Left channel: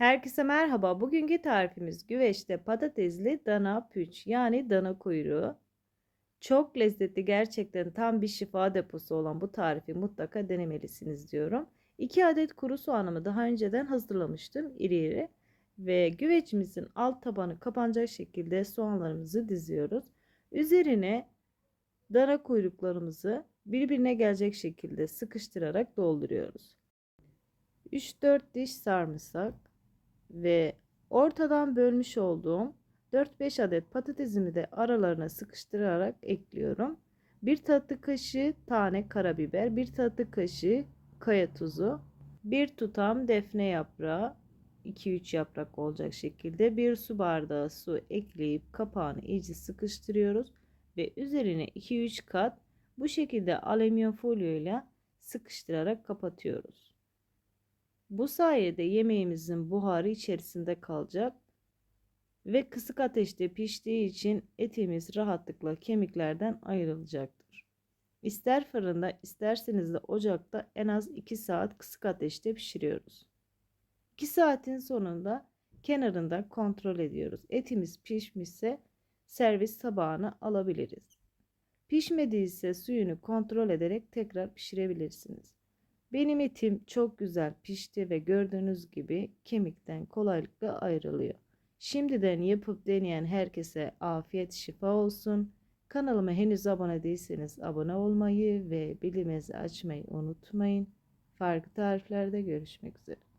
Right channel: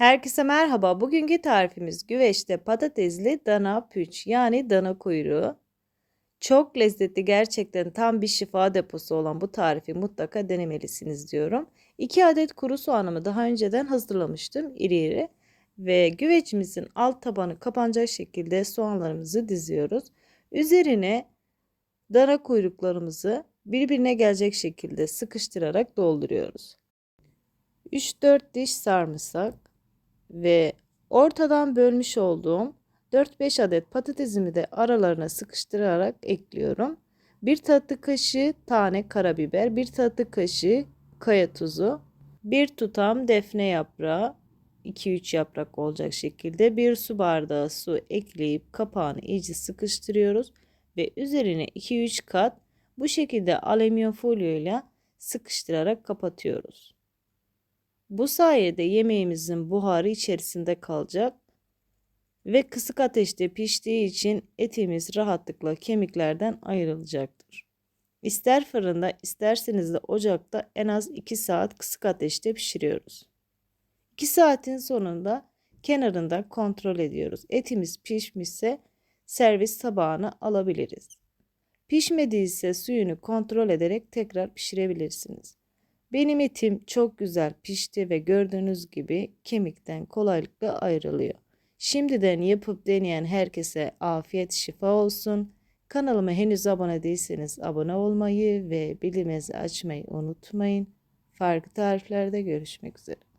Herkese merhaba. Bugünkü tarifimiz güveçte patatesli dana püç yani dana kuyruğu. Çok lezzetli gerçekten tam bir şifa deposu olan bu tarifi mutlaka denemelisiniz diyorum. 2 adet kuru soğanımı daha önceden hazırlamıştım iri iri. Ve güvecimizin alt tabanı kapanacak şekilde soğanlarımızı diziyoruz. Üzerine dana kuyruklarımızı birbirine gelecek şekilde sıkıştırarak dolduruyoruz. 3-4 diş sarımsak ve ortadan bölmüş olduğum 4-5 adet patatesimi de aralarına sıkıştırarak ekliyorum. 1 tatlı kaşığı tane karabiber, 1 tatlı kaşığı kaya tuzu, 1 tutam defne yaprağı, 2-3 yaprak olacak şekilde 1 su bardağı su ekleyip kapağını iyice sıkıştırıyoruz ve üzerine 2-3 kat bu şekilde alüminyum folyo ile sıkıştırarak kapatıyoruz. Bu sayede yemeğimizin buharı içerisinde kalacak ve kısık ateşte piştiği için etimiz rahatlıkla kemiklerden ayrılacaktır. İster fırında isterseniz de ocakta en az 2 saat kısık ateşte pişiriyoruz. 2 saatin sonunda kenarında kontrol ediyoruz. Etimiz pişmişse servis tabağına alabiliriz. Pişmediyse suyunu kontrol ederek tekrar pişirebilirsiniz. Benim etim çok güzel pişti ve gördüğünüz gibi kemikten kolaylıkla ayrılıyor. Şimdiden yapıp deneyen herkese afiyet şifa olsun. Kanalıma henüz abone değilseniz abone olmayı ve bildirimleri açmayı unutmayın. Farklı tariflerde görüşmek üzere.